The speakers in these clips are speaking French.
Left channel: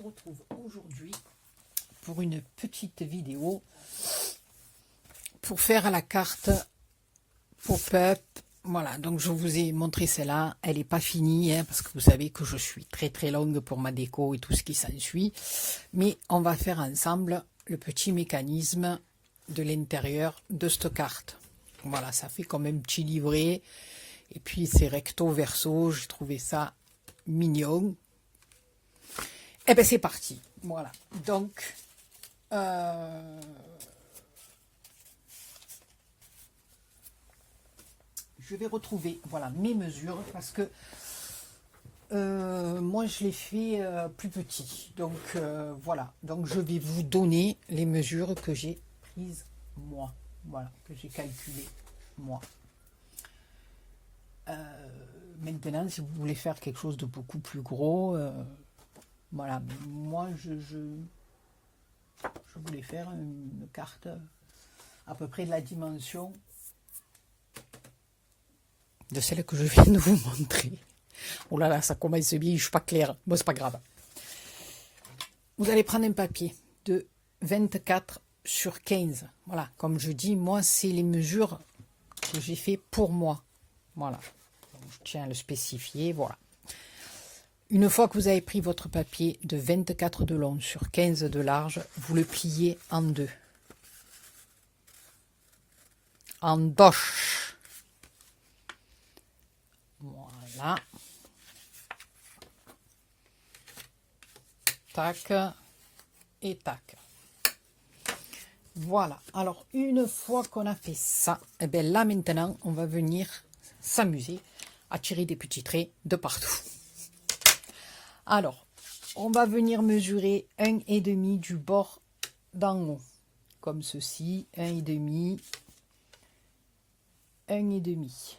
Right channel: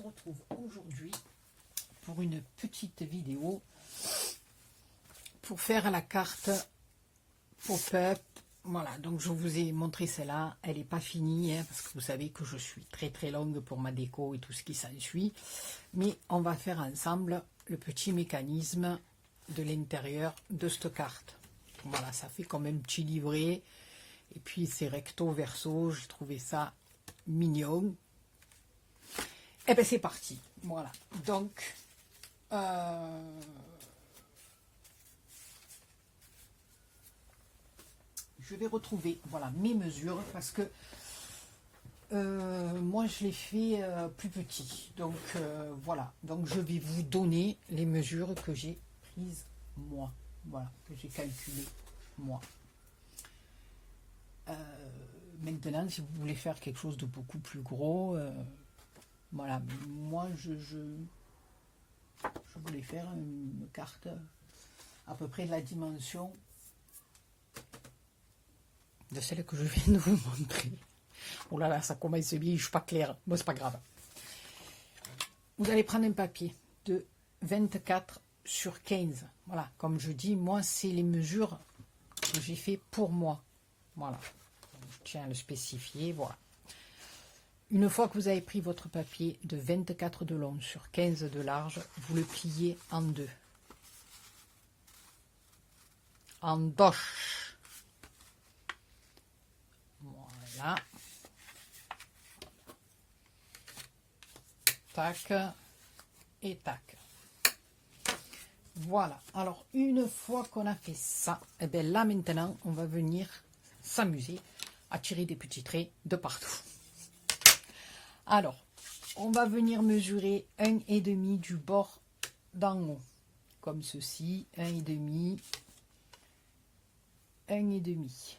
se retrouve aujourd'hui pour une petite vidéo pour faire la carte pop-up. Voilà, donc je vous ai montré celle-là, elle n'est pas finie, hein, parce que vous savez que je suis très longue pour ma déco et tout ce qui s'ensuit. Mais on va faire ensemble le petit mécanisme de l'intérieur de cette carte. Voilà, ça fait comme un petit livret. Et puis c'est recto verso, j'ai trouvé ça mignon. Et bien c'est parti. Voilà, donc je vais retrouver voilà mes mesures parce que moi je l'ai fait plus petit. Donc voilà, donc je vais vous donner les mesures que j'ai prises moi. Voilà, que j'ai calculé moi. Maintenant, si vous voulez faire quelque chose de beaucoup plus gros, voilà, moi je voulais faire une carte à peu près de la dimension de celle que je viens de vous montrer. Oh là là, ça commence bien, je suis pas claire. Bon, c'est pas grave. Vous allez prendre un papier de 24 sur 15. Voilà, comme je dis, moi, c'est les mesures que j'ai fait pour moi. Voilà. Je tiens à le spécifier, voilà. Une fois que vous avez pris votre papier de 24 de long sur 15 de large, vous le pliez en deux. En doche. Voilà. Tac et tac. Voilà. Alors, une fois qu'on a fait ça, et bien là maintenant, on va venir s'amuser à tirer des petits traits de partout. Alors, on va venir mesurer 1,5 du bord d'en haut, comme ceci, 1,5, 1,5.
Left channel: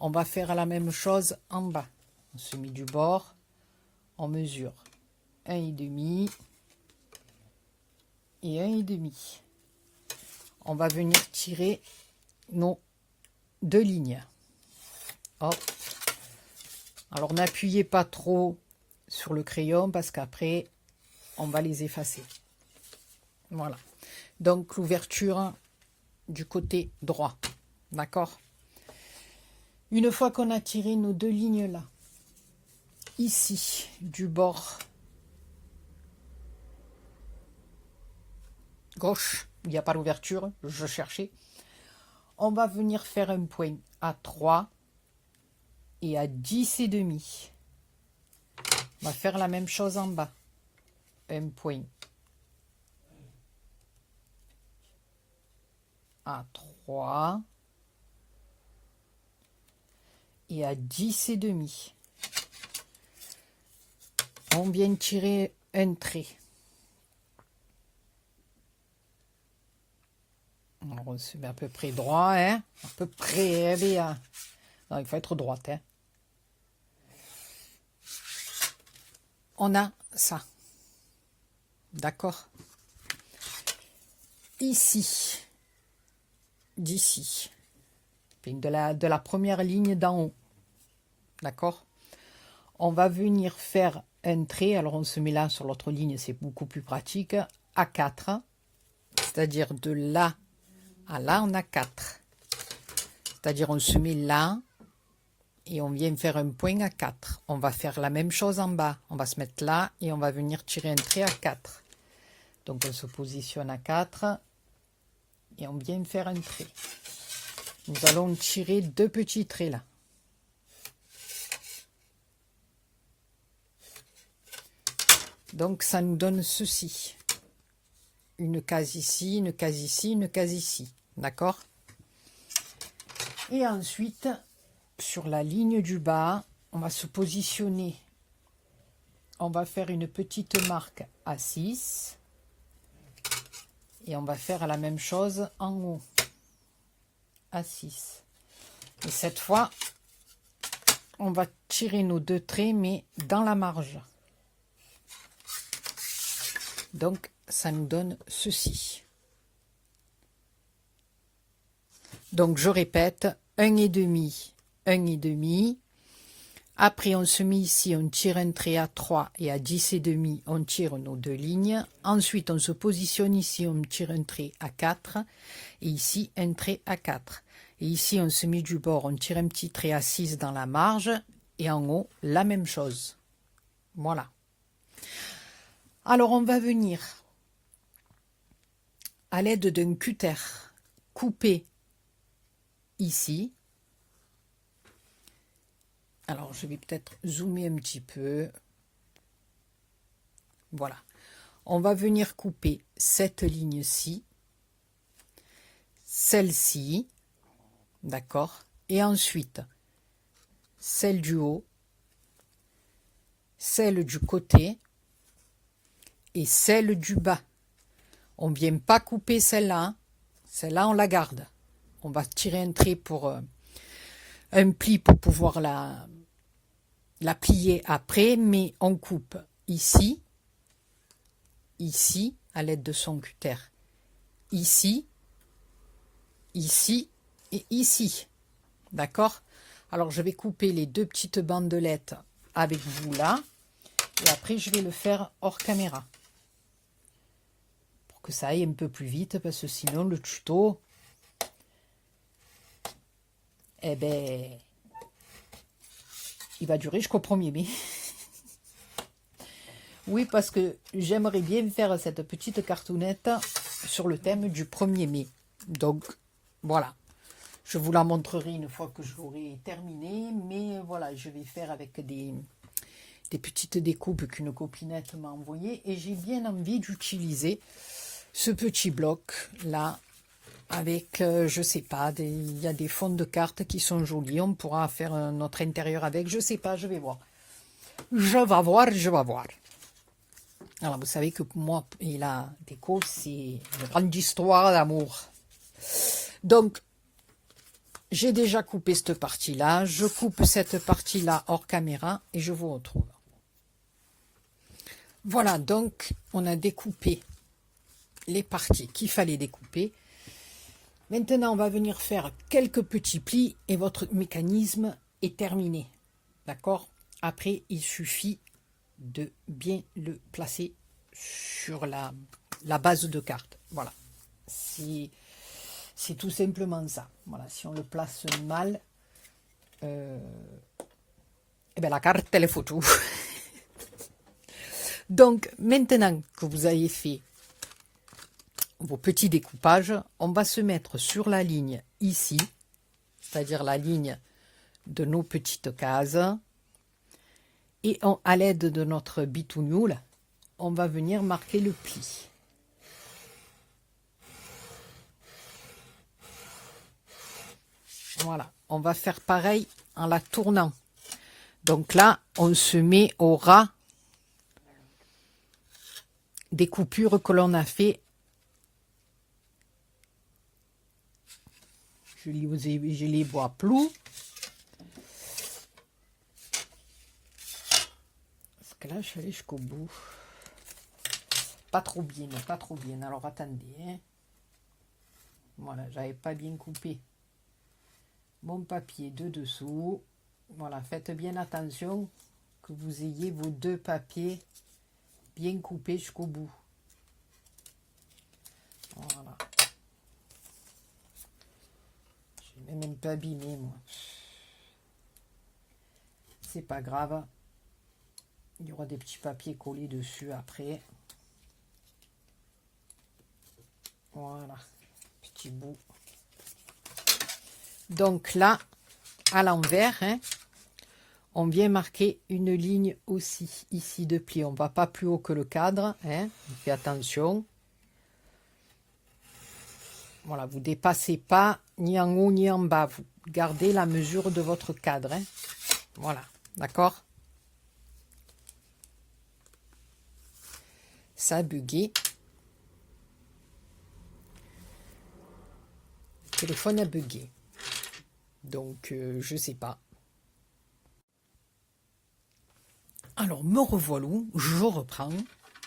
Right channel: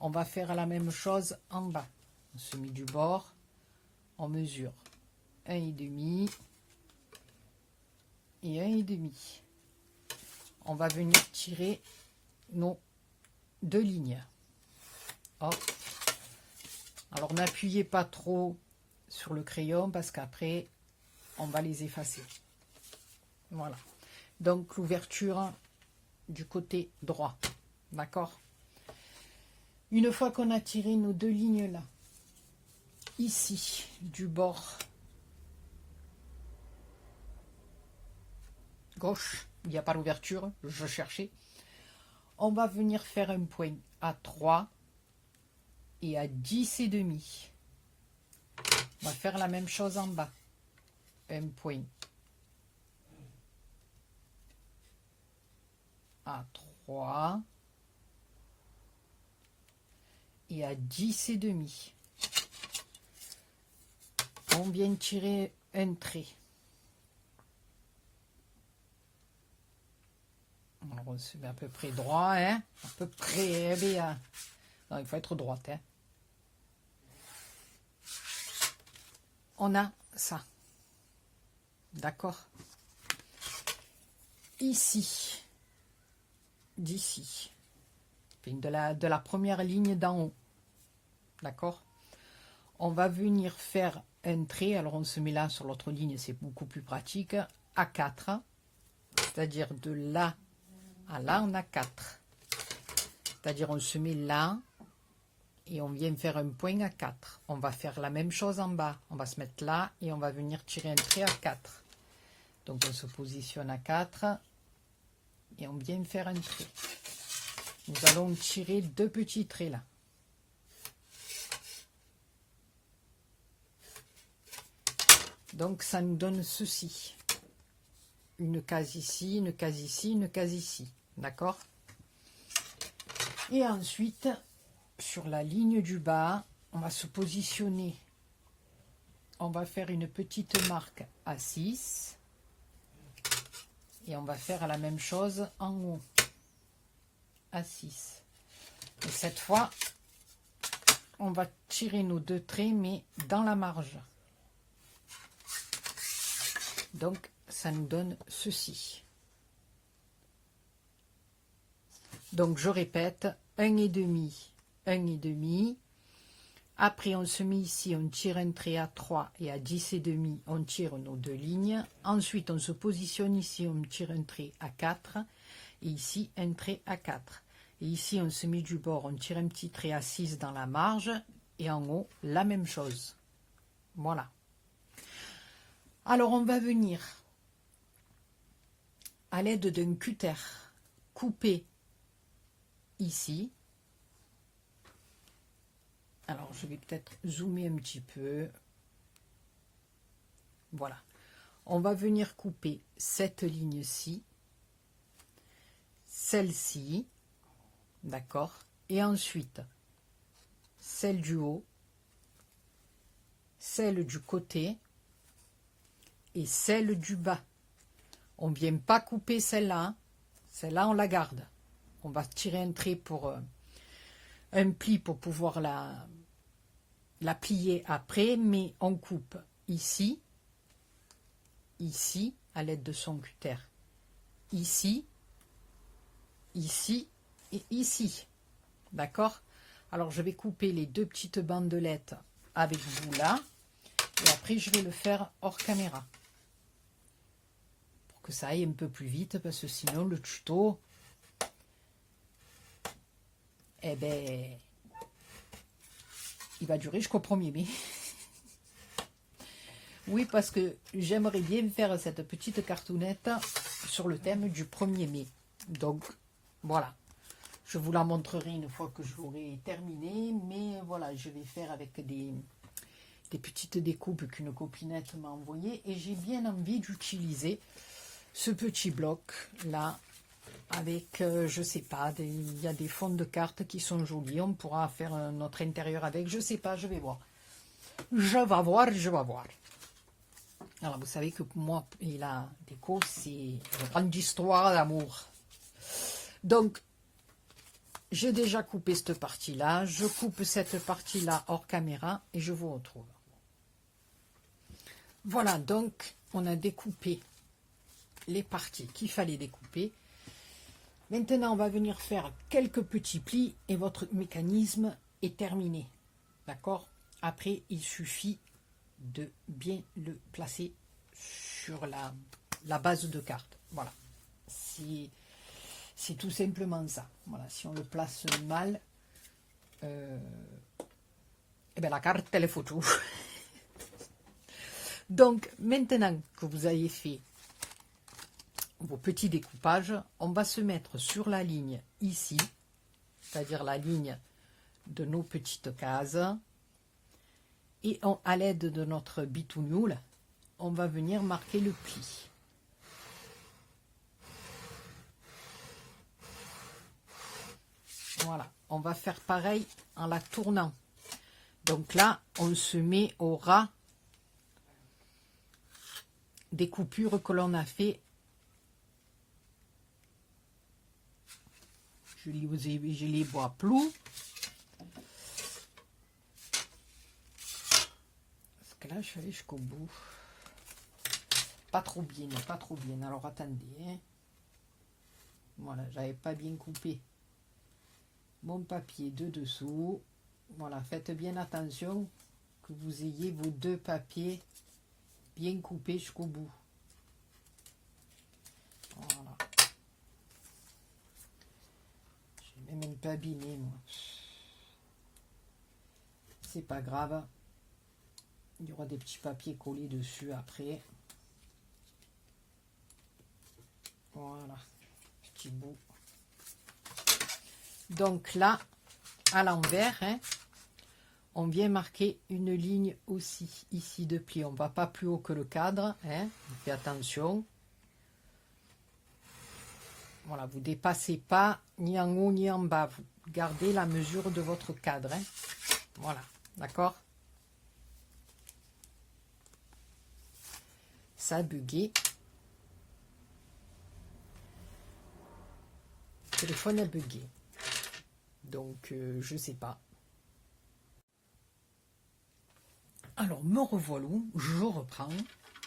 On va faire la même chose en bas. On se met du bord, on mesure 1,5 et 1,5. On va venir tirer nos deux lignes. Hop. Alors n'appuyez pas trop sur le crayon parce qu'après on va les effacer. Voilà. Donc l'ouverture du côté droit. D'accord? Une fois qu'on a tiré nos deux lignes là, ici du bord gauche, il n'y a pas l'ouverture, je cherchais, on va venir faire un point à 3 et à 10,5. On va faire la même chose en bas. Un point à 3 et à 10,5. On vient tirer un trait. Alors on se met à peu près droit, hein? À peu près bien. Non, il faut être droite, hein? On a ça. D'accord? Ici, d'ici, de la première ligne d'en haut. D'accord? On va venir faire un trait. Alors on se met là sur l'autre ligne, c'est beaucoup plus pratique. À 4. C'est-à-dire de là à là, on a 4. C'est-à-dire on se met là. Et on vient faire un point à 4. On va faire la même chose en bas. On va se mettre là et on va venir tirer un trait à 4. Donc on se positionne à 4 et on vient faire un trait. Nous allons tirer deux petits traits là. Donc ça nous donne ceci. Une case ici, une case ici, une case ici. D'accord? Et ensuite, sur la ligne du bas, on va se positionner. On va faire une petite marque à 6. Et on va faire la même chose en haut. À 6. Et cette fois, on va tirer nos deux traits, mais dans la marge. Donc, ça nous donne ceci. Donc, je répète, 1,5, 1,5. Après, on se met ici, on tire un trait à 3 et à 10,5, on tire nos deux lignes. Ensuite, on se positionne ici, on tire un trait à 4 et ici, un trait à 4. Et ici, on se met du bord, on tire un petit trait à 6 dans la marge et en haut, la même chose. Voilà. Alors, on va venir à l'aide d'un cutter couper ici. Alors, je vais peut-être zoomer un petit peu. Voilà. On va venir couper cette ligne-ci, celle-ci, d'accord? Et ensuite, celle du haut, celle du côté et celle du bas. On ne vient pas couper celle-là. Hein. Celle-là, on la garde. On va tirer un trait pour un pli pour pouvoir la plier après, mais on coupe ici, ici, à l'aide de son cutter, ici, ici et ici. D'accord? Alors, je vais couper les deux petites bandelettes avec vous là, et après, je vais le faire hors caméra. Pour que ça aille un peu plus vite, parce que sinon, le tuto, eh ben, il va durer jusqu'au 1er mai. Oui, parce que j'aimerais bien faire cette petite cartoonette sur le thème du 1er mai. Donc, voilà. Je vous la montrerai une fois que je l'aurai terminé. Mais voilà, je vais faire avec des petites découpes qu'une copinette m'a envoyées. Et j'ai bien envie d'utiliser ce petit bloc-là. Avec, je sais pas, il y a des fonds de cartes qui sont jolis. On pourra faire notre intérieur avec. Je sais pas, je vais voir. Je vais voir, je vais voir. Alors, vous savez que pour moi et la déco, c'est une grande histoire d'amour. Donc, j'ai déjà coupé cette partie-là. Je coupe cette partie-là hors caméra et je vous retrouve. Voilà, donc, on a découpé les parties qu'il fallait découper. Maintenant, on va venir faire quelques petits plis et votre mécanisme est terminé. D'accord? Après, il suffit de bien le placer sur la base de carte. Voilà. C'est tout simplement ça. Voilà. Si on le place mal, eh ben la carte, elle est foutue. Donc, maintenant que vous avez fait vos petits découpages, on va se mettre sur la ligne ici, c'est-à-dire la ligne de nos petites cases. Et à l'aide de notre bitounioule, on va venir marquer le pli. Voilà, on va faire pareil en la tournant. Donc là, on se met au ras des coupures que l'on a fait. Je les vois plus. Parce que là, je suis allée jusqu'au bout. Pas trop bien, pas trop bien. Alors, attendez. Hein. Voilà, j'avais pas bien coupé mon papier de dessous. Voilà, faites bien attention que vous ayez vos deux papiers bien coupés jusqu'au bout. Voilà. Je vais même un peu abîmé, moi. C'est pas grave. Il y aura des petits papiers collés dessus après. Voilà, petit bout. Donc là, à l'envers, hein, on vient marquer une ligne aussi ici de pli. On ne va pas plus haut que le cadre. Hein, on fait attention. Voilà, vous ne dépassez pas ni en haut ni en bas. Vous gardez la mesure de votre cadre. Hein. Voilà, d'accord? Ça a bugué. Le téléphone a bugué. Donc, je sais pas. Alors, me revoilà, je reprends,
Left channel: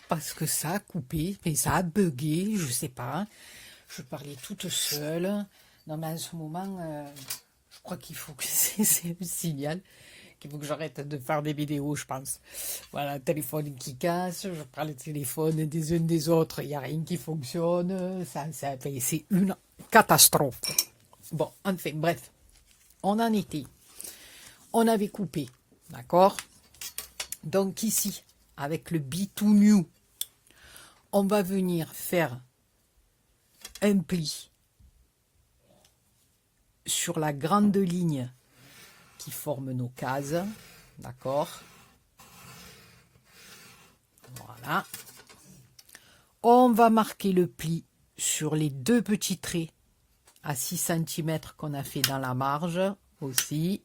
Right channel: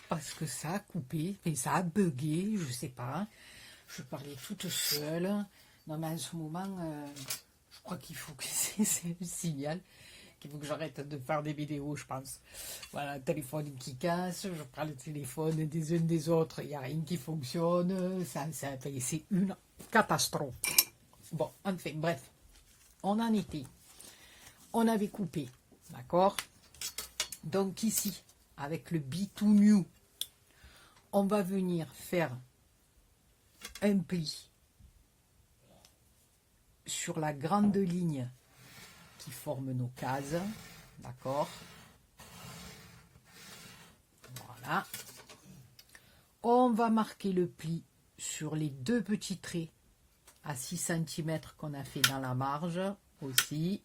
parce que ça a coupé, et ça a bugué, je sais pas. Je parlais toute seule. Non, mais en ce moment, je crois qu'il faut que c'est le signal. qu'il faut que j'arrête de faire des vidéos, je pense. Voilà, téléphone qui casse, je prends le téléphone des uns des autres, il n'y a rien qui fonctionne, c'est une catastrophe. Bon, enfin, bref, on en était. On avait coupé, d'accord? Donc ici, avec le Be2New, on va venir faire un pli sur la grande ligne qui forme nos cases, d'accord? Voilà. On va marquer le pli sur les deux petits traits à 6 cm qu'on a fait dans la marge aussi.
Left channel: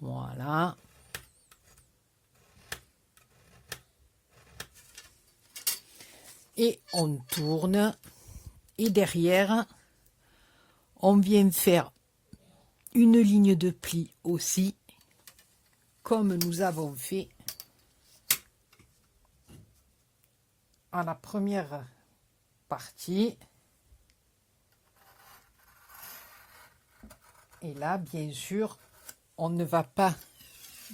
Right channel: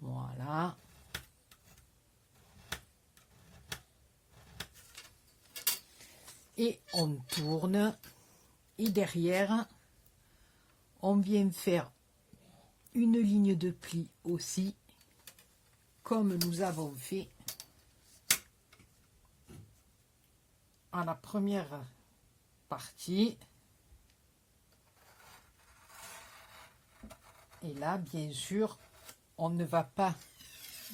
Voilà. Et on tourne. Et derrière, on vient faire une ligne de pli aussi, comme nous avons fait à la première partie. Et là, bien sûr, on ne va pas,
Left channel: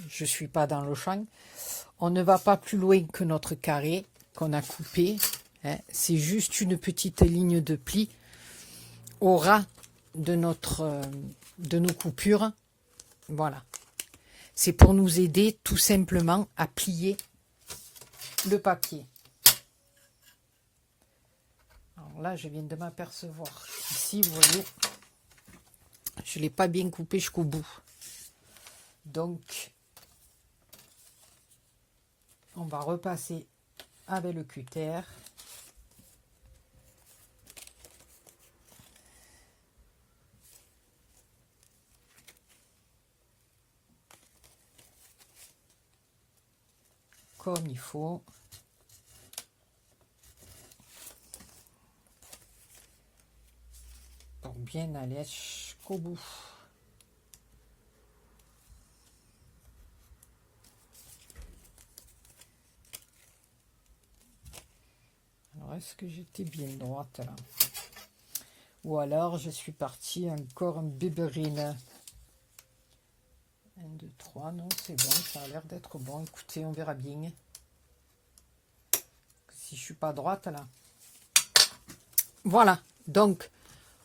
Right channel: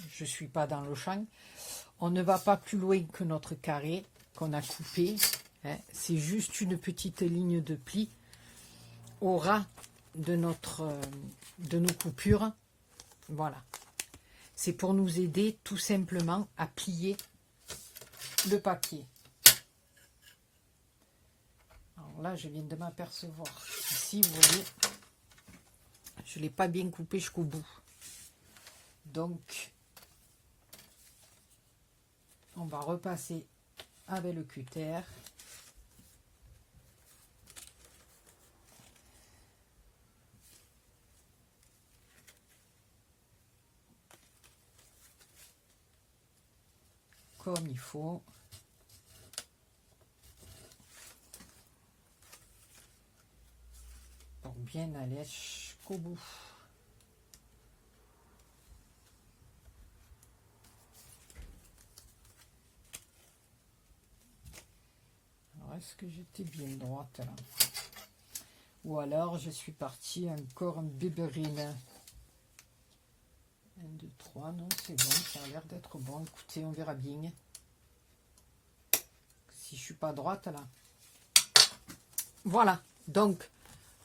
je ne suis pas dans le champ, on ne va pas plus loin que notre carré qu'on a coupé. Hein. C'est juste une petite ligne de pli au ras de nos coupures. Voilà. C'est pour nous aider tout simplement à plier le papier. Alors là, je viens de m'apercevoir. Ici, vous voyez, je ne l'ai pas bien coupé jusqu'au bout. Donc, on va repasser avec le cutter. Comme il faut. Pour bien aller jusqu'au bout. Alors, est-ce que j'étais bien droite là? Ou alors, je suis partie encore en béberine. 1, 2, 3, non, c'est bon, ça a l'air d'être bon. Écoutez, on verra bien. Si je suis pas droite là. Voilà, donc,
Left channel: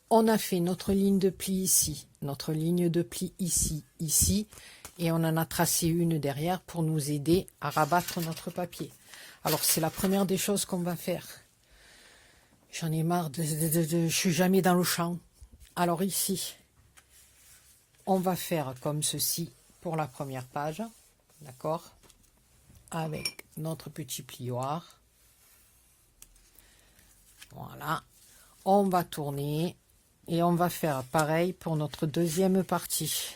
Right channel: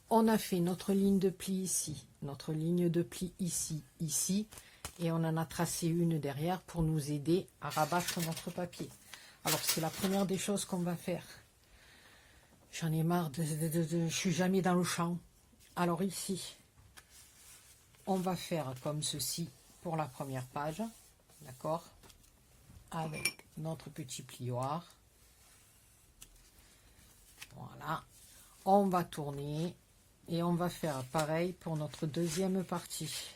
on a fait notre ligne de pli ici, notre ligne de pli ici, ici, et on en a tracé une derrière pour nous aider à rabattre notre papier. Alors, c'est la première des choses qu'on va faire. J'en ai marre, je suis jamais dans le champ. Alors ici, on va faire comme ceci pour la première page, d'accord? Avec notre petit plioir. Voilà. On va tourner et on va faire pareil pour notre deuxième partie.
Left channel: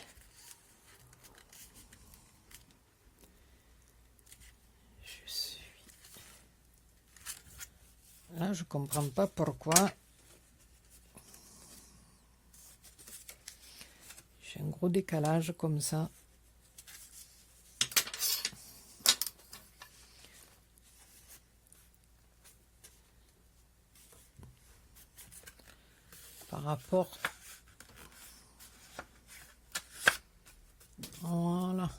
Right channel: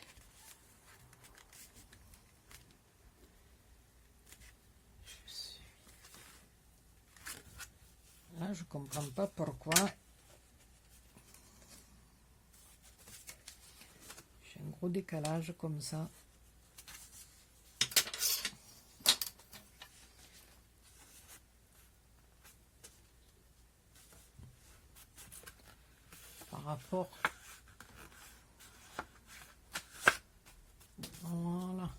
Là, je comprends pas pourquoi. J'ai un gros décalage comme ça. Par rapport. Voilà.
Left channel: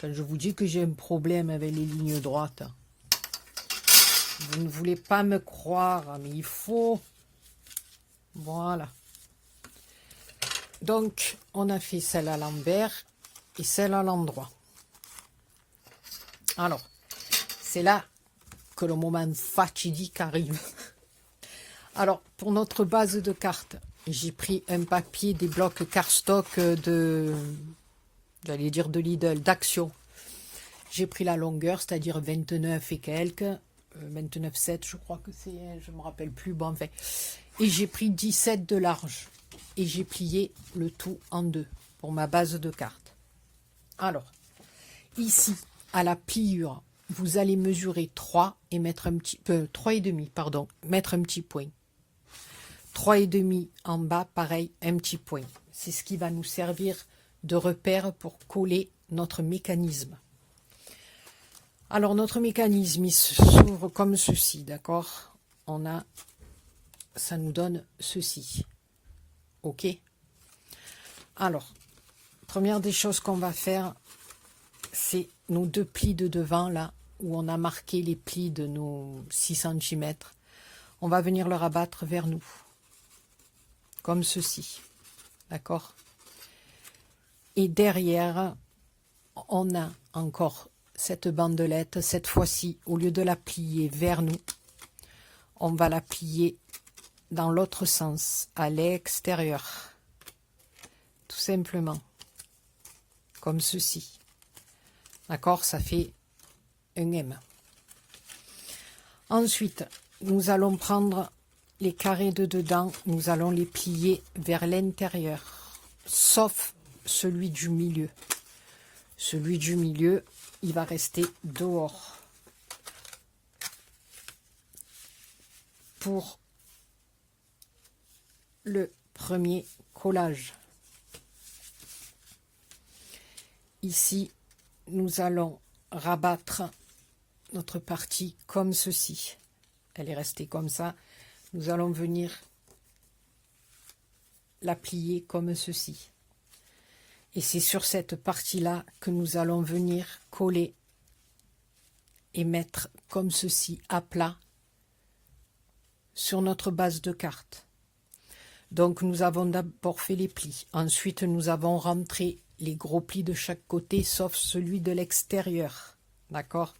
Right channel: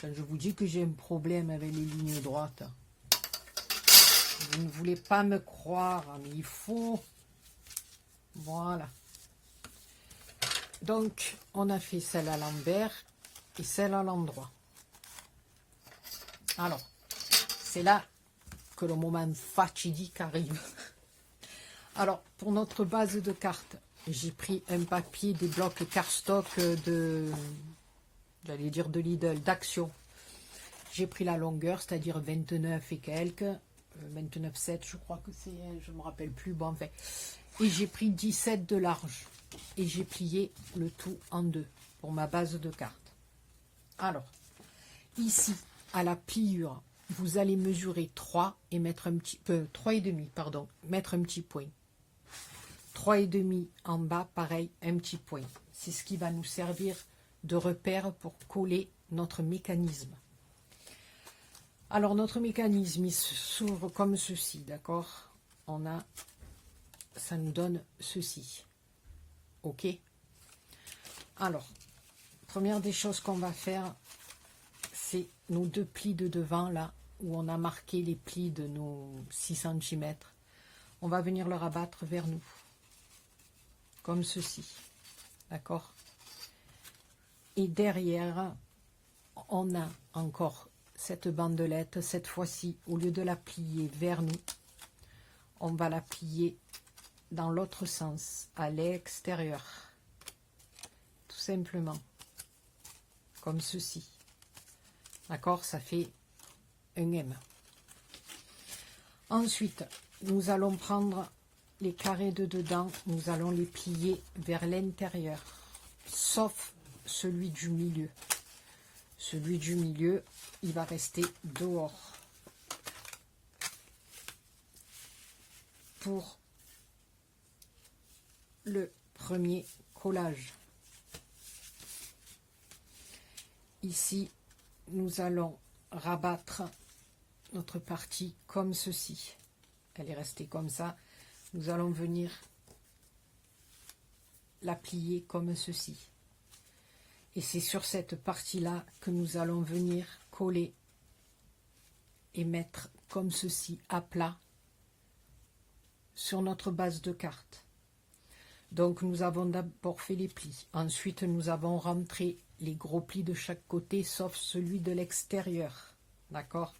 Quand je vous dis que j'ai un problème avec les lignes droites, vous ne voulez pas me croire, mais il faut. Voilà. Donc, on a fait celle à l'envers et celle à l'endroit. Alors, c'est là que le moment fatidique arrive. Alors, pour notre base de cartes, j'ai pris un papier des blocs cardstock de, j'allais dire de Lidl, d'Action. J'ai pris la longueur, c'est-à-dire 29 et quelques, 29,7 je crois que c'est, je ne me rappelle plus, bon enfin. Et j'ai pris 17 de large. Et j'ai plié le tout en deux pour ma base de cartes. Alors, ici, à la pliure, vous allez mesurer 3 et mettre un petit peu, 3,5, pardon, mettre un petit point. 3,5 en bas, pareil, un petit point. C'est ce qui va nous servir de repère pour coller notre mécanisme. Alors, notre mécanisme, il s'ouvre comme ceci, d'accord? On a, ça nous donne ceci. Ok. Alors, Première des choses qu'on va faire, c'est nos 2 plis de devant, là, où on a marqué les plis de nos 6 cm. On va venir le rabattre vers nous, comme ceci, d'accord? Et derrière, on a encore cette bandelette. Cette fois-ci, au lieu de la plier vers nous, on va la plier dans l'autre sens, à l'extérieur. Tout simplement. Comme ceci. D'accord? Ça fait un M. Ensuite, nous allons prendre les carrés de dedans, nous allons les plier vers l'intérieur, sauf celui du milieu. Celui du milieu, il va rester dehors. Pour le premier collage. Ici, nous allons rabattre notre partie comme ceci. Elle est restée comme ça. Nous allons venir la plier comme ceci. Et c'est sur cette partie-là que nous allons venir coller et mettre comme ceci à plat sur notre base de carte. Donc nous avons d'abord fait les plis. Ensuite, nous avons rentré les gros plis de chaque côté, sauf celui de l'extérieur. D'accord?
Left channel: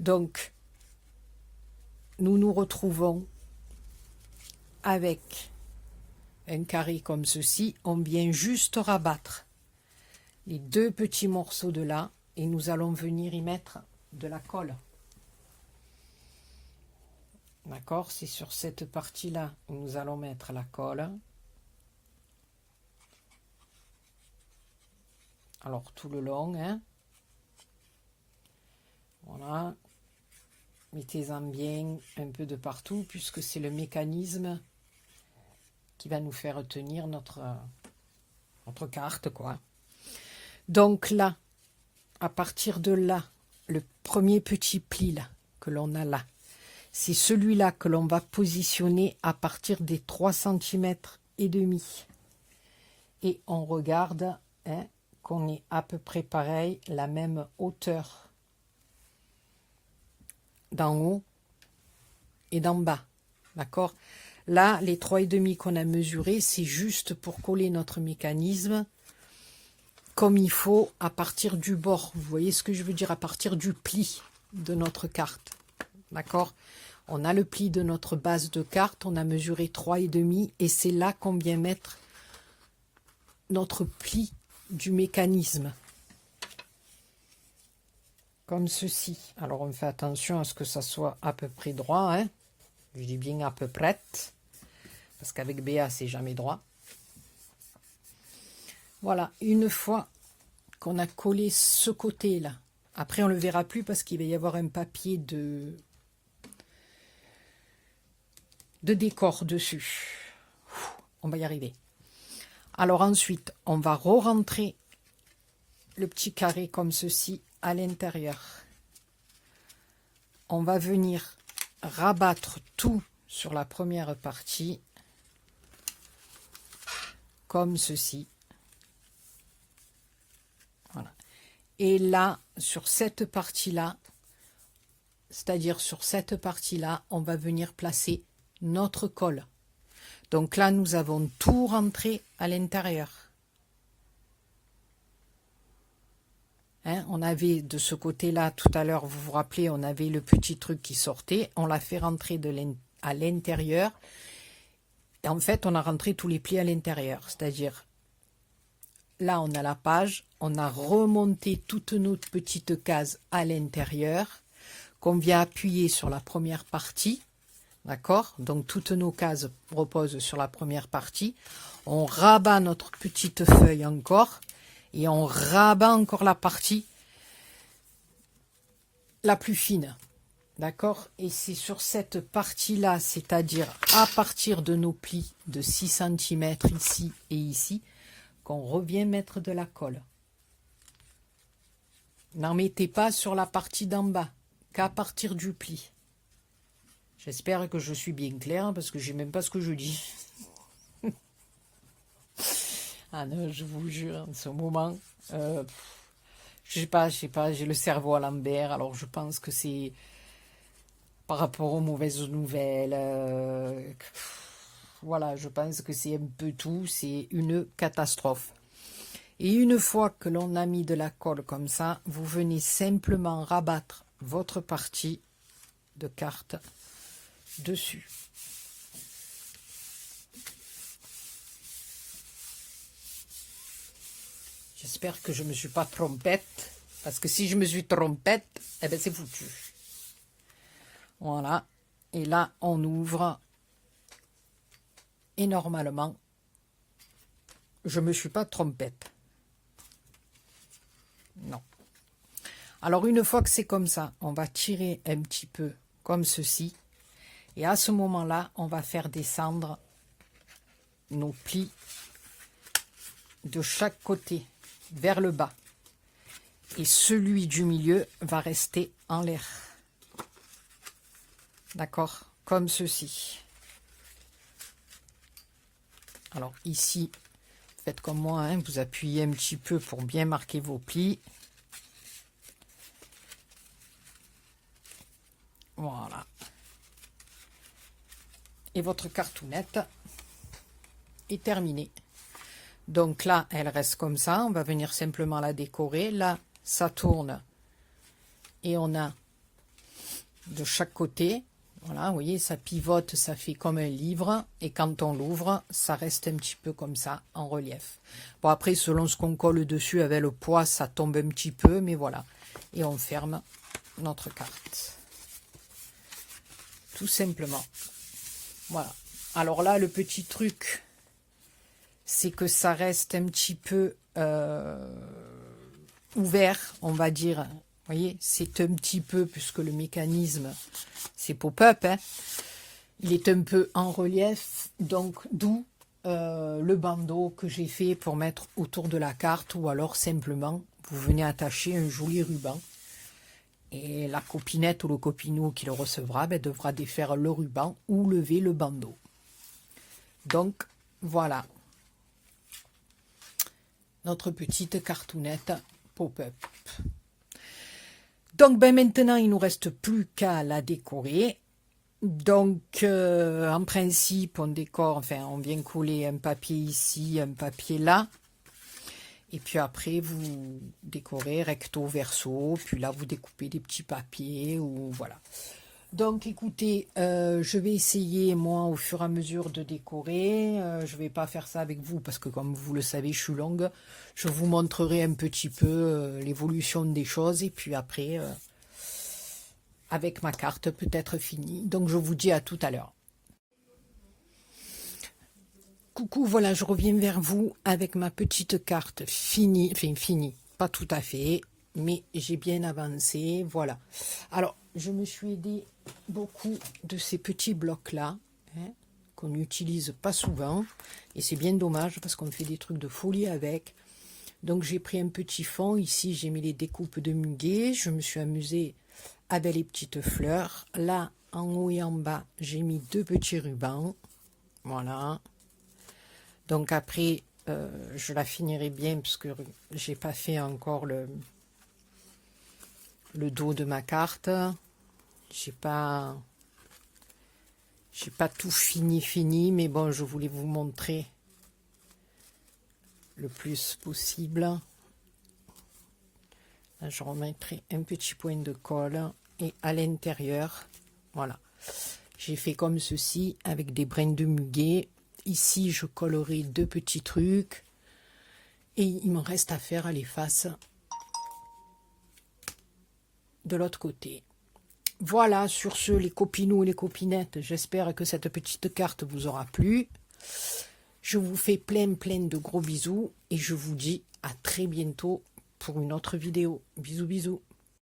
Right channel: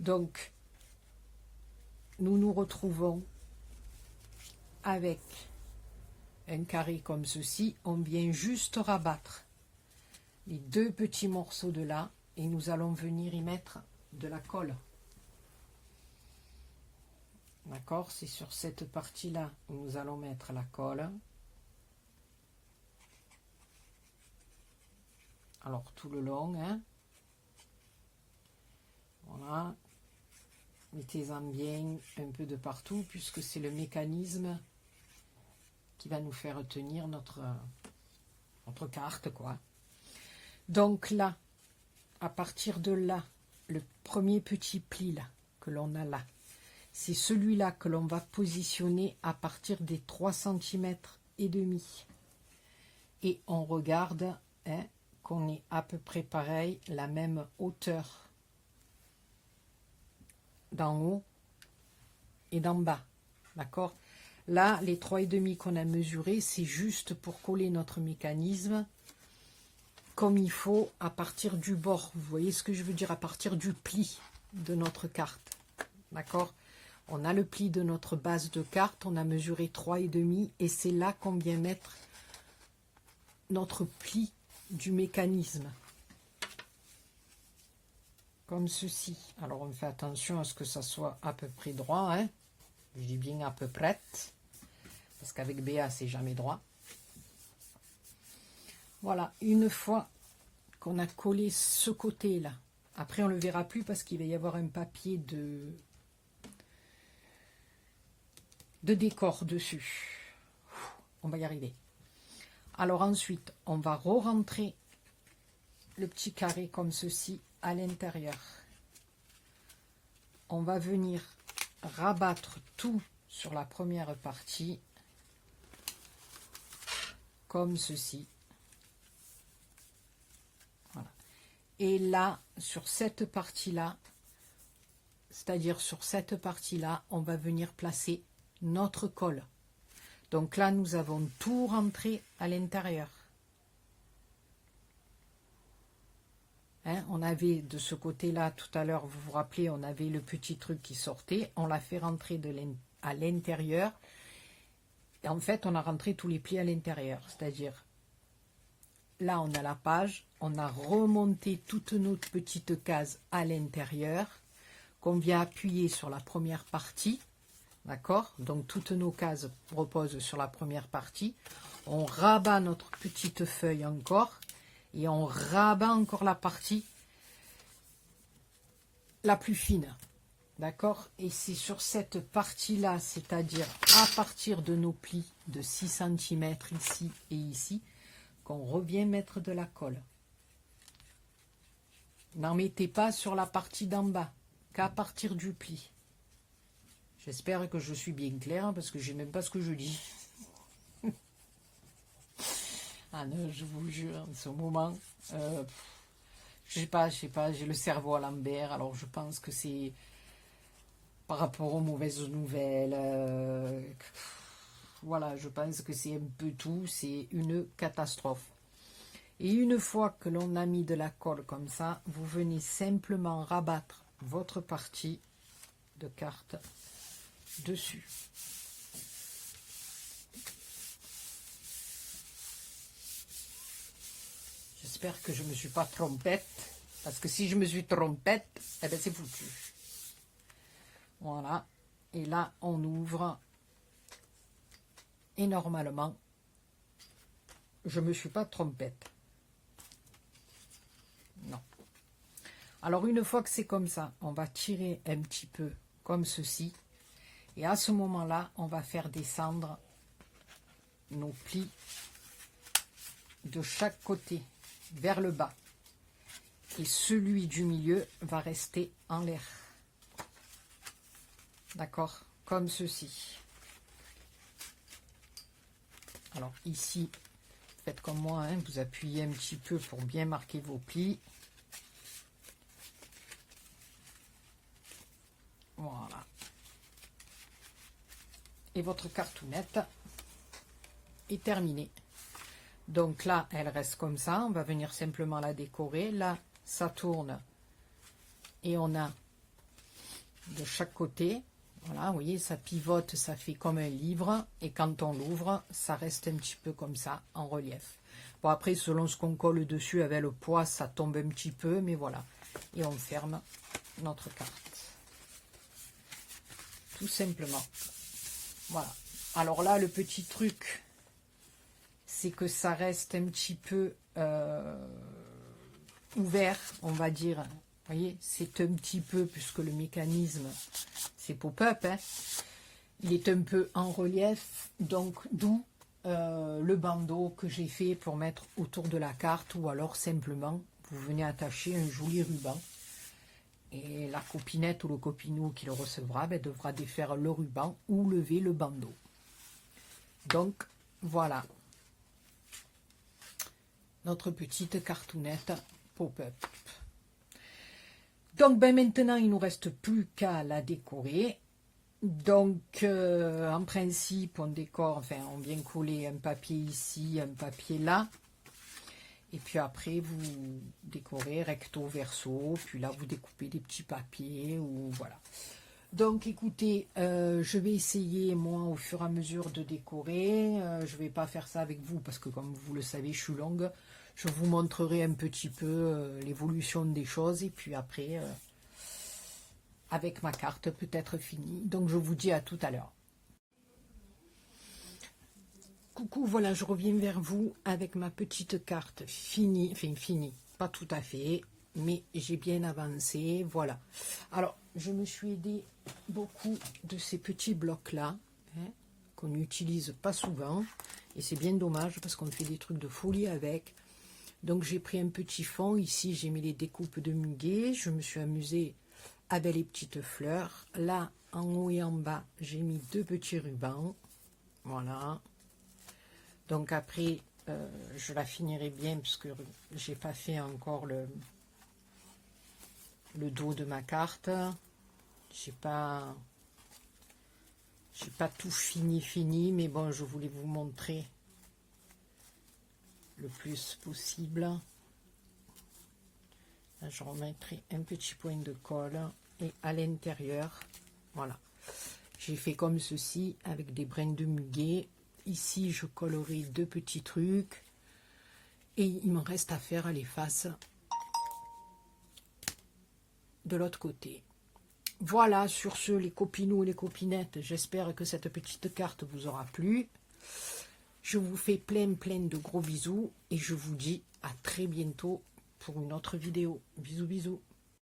Donc, nous nous retrouvons avec un carré comme ceci. On vient juste rabattre les 2 petits morceaux de là et nous allons venir y mettre de la colle. D'accord? C'est sur cette partie-là où nous allons mettre la colle. Alors, tout le long, hein. Voilà. Mettez-en bien un peu de partout, puisque c'est le mécanisme qui va nous faire tenir notre carte, quoi. Donc là, à partir de là, le premier petit pli là, que l'on a là, c'est celui-là que l'on va positionner à partir des 3 cm et demi. Et on regarde, hein, qu'on est à peu près pareil, la même hauteur d'en haut et d'en bas. D'accord? Là, les 3,5 qu'on a mesurés, c'est juste pour coller notre mécanisme comme il faut à partir du bord. Vous voyez ce que je veux dire? À partir du pli de notre carte. D'accord? On a le pli de notre base de carte, on a mesuré 3,5 et c'est là qu'on vient mettre notre pli du mécanisme. Comme ceci. Alors on fait attention à ce que ça soit à peu près droit, hein. Je dis bien à peu près, parce qu'avec BA c'est jamais droit. Voilà, une fois qu'on a collé ce côté là, après on le verra plus parce qu'il va y avoir un papier de décor dessus. On va y arriver. Alors ensuite on va re-rentrer le petit carré comme ceci à l'intérieur. On va venir rabattre tout sur la première partie comme ceci. Voilà. Et là, sur cette partie-là, c'est-à-dire sur cette partie-là, on va venir placer notre colle. Donc là, nous avons tout rentré à l'intérieur. Hein, on avait de ce côté-là, tout à l'heure, vous vous rappelez, on avait le petit truc qui sortait. On l'a fait rentrer à l'intérieur. Et en fait, on a rentré tous les plis à l'intérieur. C'est-à-dire, là, on a la page. On a remonté toutes nos petites cases à l'intérieur, qu'on vient appuyer sur la première partie. D'accord? Donc, toutes nos cases reposent sur la première partie. On rabat notre petite feuille encore. Et on rabat encore la partie la plus fine. D'accord? Et c'est sur cette partie-là, c'est-à-dire à partir de nos plis de 6 cm ici et ici, qu'on revient mettre de la colle. N'en mettez pas sur la partie d'en bas, qu'à partir du pli. J'espère que je suis bien claire, parce que je ne sais même pas ce que je dis. Ah non, je vous jure, en ce moment, je sais pas, j'ai le cerveau à l'envers, alors je pense que c'est par rapport aux mauvaises nouvelles. Voilà, je pense que c'est un peu tout, c'est une catastrophe. Et une fois que l'on a mis de la colle comme ça, vous venez simplement rabattre votre partie de carte dessus. J'espère que je ne me suis pas trompette, parce que si je me suis trompette, eh ben c'est foutu. Voilà, et là on ouvre, et normalement, je ne me suis pas trompette. Non. Alors une fois que c'est comme ça, on va tirer un petit peu comme ceci, et à ce moment-là, on va faire descendre nos plis de chaque côté vers le bas. Et celui du milieu va rester en l'air. D'accord? Comme ceci. Alors ici, faites comme moi, hein, vous appuyez un petit peu pour bien marquer vos plis. Voilà. Et votre cartounette est terminée. Donc là, elle reste comme ça. On va venir simplement la décorer. Là, ça tourne. Et on a de chaque côté, voilà, vous voyez, ça pivote, ça fait comme un livre. Et quand on l'ouvre, ça reste un petit peu comme ça, en relief. Bon, après, selon ce qu'on colle dessus, avec le poids, ça tombe un petit peu. Mais voilà. Et on ferme notre carte. Tout simplement. Voilà. Alors là, le petit truc, c'est que ça reste un petit peu ouvert, on va dire. Vous voyez, c'est un petit peu, puisque le mécanisme, c'est pop-up, hein, il est un peu en relief, donc d'où le bandeau que j'ai fait pour mettre autour de la carte, ou alors simplement, vous venez attacher un joli ruban. Et la copinette ou le copineau qui le recevra devra défaire le ruban ou lever le bandeau. Donc, voilà. Notre petite cartounette pop-up. Donc, maintenant, il ne nous reste plus qu'à la décorer. Donc, en principe, on décore, enfin, on vient coller un papier ici, un papier là. Et puis après, vous décorez recto verso. Puis là, vous découpez des petits papiers ou voilà. Donc, écoutez, je vais essayer, moi, au fur et à mesure de décorer. Je ne vais pas faire ça avec vous parce que, comme vous le savez, je suis longue. Je vous montrerai un petit peu l'évolution des choses. Et puis après, avec ma carte, peut-être finie. Donc, je vous dis à tout à l'heure. Coucou, voilà, je reviens vers vous avec ma petite carte finie, enfin finie, pas tout à fait, mais j'ai bien avancé, voilà. Alors, je me suis aidé beaucoup de ces petits blocs-là, hein, qu'on n'utilise pas souvent, et c'est bien dommage parce qu'on fait des trucs de folie avec. Donc, j'ai pris un petit fond, ici j'ai mis les découpes de muguet, je me suis amusée avec les petites fleurs. Là, en haut et en bas, j'ai mis deux petits rubans, voilà. Donc après, je la finirai bien parce que j'ai pas fait encore le dos de ma carte. J'ai pas tout fini, mais bon, je voulais vous montrer le plus possible. Là, je remettrai un petit point de colle et à l'intérieur, voilà. J'ai fait comme ceci avec des brins de muguet. Ici, je collerai deux petits trucs. Et il me reste à faire les faces de l'autre côté. Voilà, sur ce, les copinous et les copinettes, j'espère que cette petite carte vous aura plu. Je vous fais plein de gros bisous. Et je vous dis à très bientôt pour une autre vidéo. Bisous, bisous.